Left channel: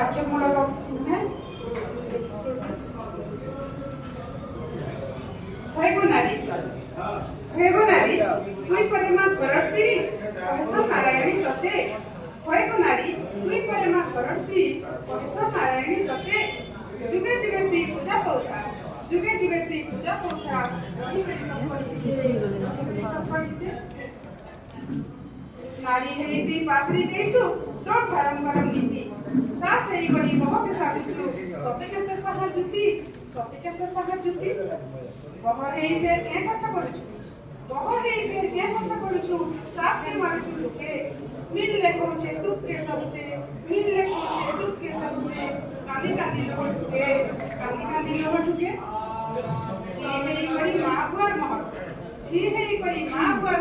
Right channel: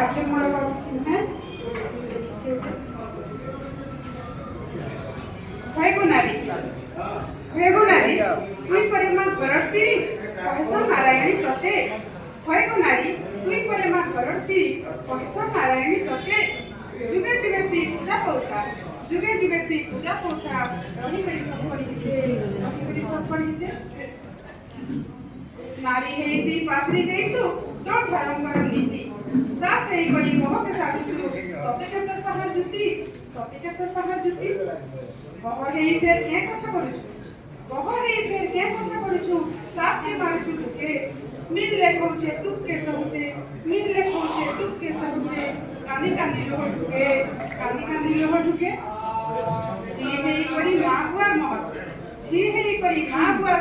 ବାକ୍ୟମୂଳକ କିଛି ନୁହେଁ। ହଏଗୋ ନାରୀ তুই পরে মা ঘরর সিঁড়ি কহেসা নারায়ণী ততে। হয়েগো নারী তুই পরে মা ঘরর সিঁড়ি কহেসা নারায়ণী ততে। যুগে যুগে তুই পূজা পাউথা রহিগড়ি সব পড়িতে নারী হেই তুই পাশরি ଦେଇଛୁ ତୋ ଧର୍ମର ନୀତି। ସାସ ହେଇଗଣି ମହକେ ସାଜୁଛୁ ସତେ କେତେ ପାହାର ଜୁତି ବହ ହେଇ ଫେର କେଁ କଥା କରୁଛୁ ସାସ କେ ମାରୁଛୁ ଟୁକେ। ମିଲଲେ କହୁଛେ ତୁକେ ସବୁଛେ କାନି କାନି ଲୋହ ଟୁକେ ଝି ହେଇକରି ମା ବୁଆର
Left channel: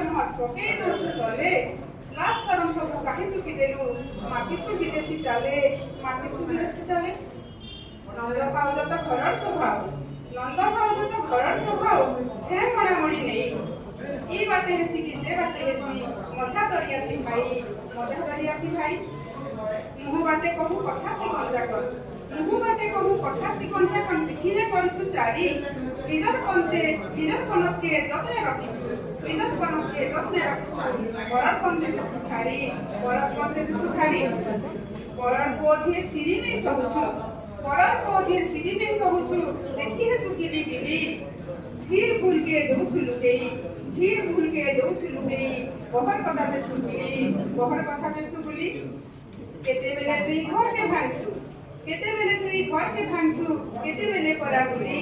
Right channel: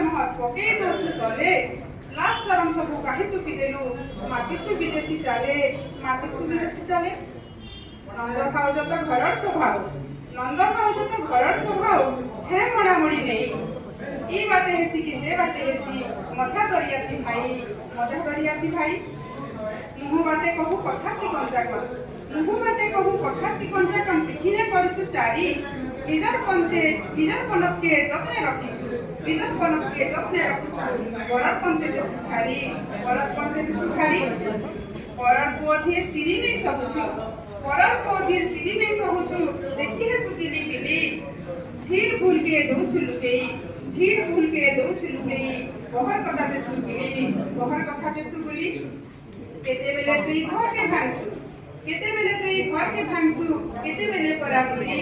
ମହତ ପକେଇ ଦଉଛୁ ତଲେ। লাশ সারম সব কাহি তুকি দেলু মাতিছু বিদেশি চালে নন্দ খাও যত ঘরর স্বভাব ছে মড়ামড়ি নেই। ই বাটে হেসি কি সে বাটে হেসি মজা দরিয়াতি ভাই। মুহু বাটে কহু কথা চিকঞ্চা কন দেখিলে করছু চারি। নিজর কনককে যত্নে রাখিছু বরর পন্থে সুখারি বরর পুঝির সিঁড়ি নেই সহুছু দেখি হে সুপিলি বিলি। ঝির ভুলকে দৌছু লুকেই বহর কথাতে সুগুলি। কেতেবেলে তুই ঘরকে ভাঙছু কেতেবেলে পরাবুলি।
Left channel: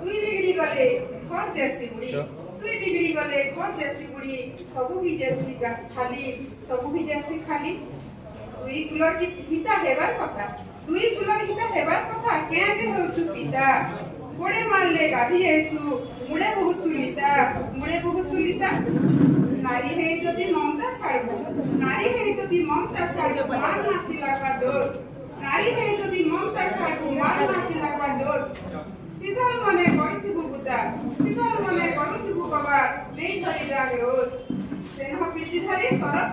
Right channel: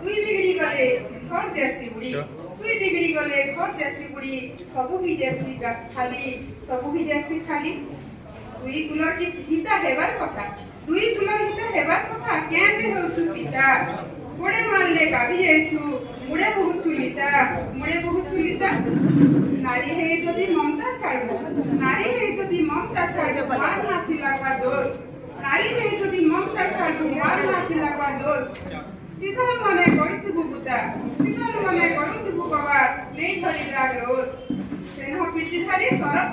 তুই বিগড়ি গলে ঘর জেসি বুড়ি सबु भी जैसी खाली। दुई कुलर हिता हेबार कथा क्या जे होछु पिता। गोड़े मारले गाधी आइसु मुड़े बहु छुलिता। नारी हे जदि ममता छाड़बु मार नाथिला बा दोष। सीधल मने गड़ुथुबु कबार नहीं धरी राग रोष। सेनह पिटी धारी सरब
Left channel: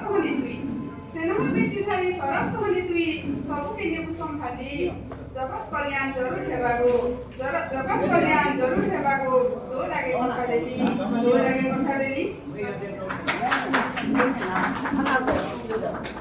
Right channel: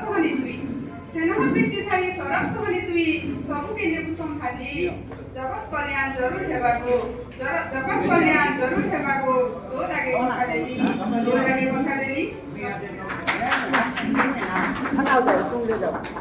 सोहनी तुई सबु के नेबु संभाली। जगत कल्याण जरूर हेबागो तो लागे कथा देली।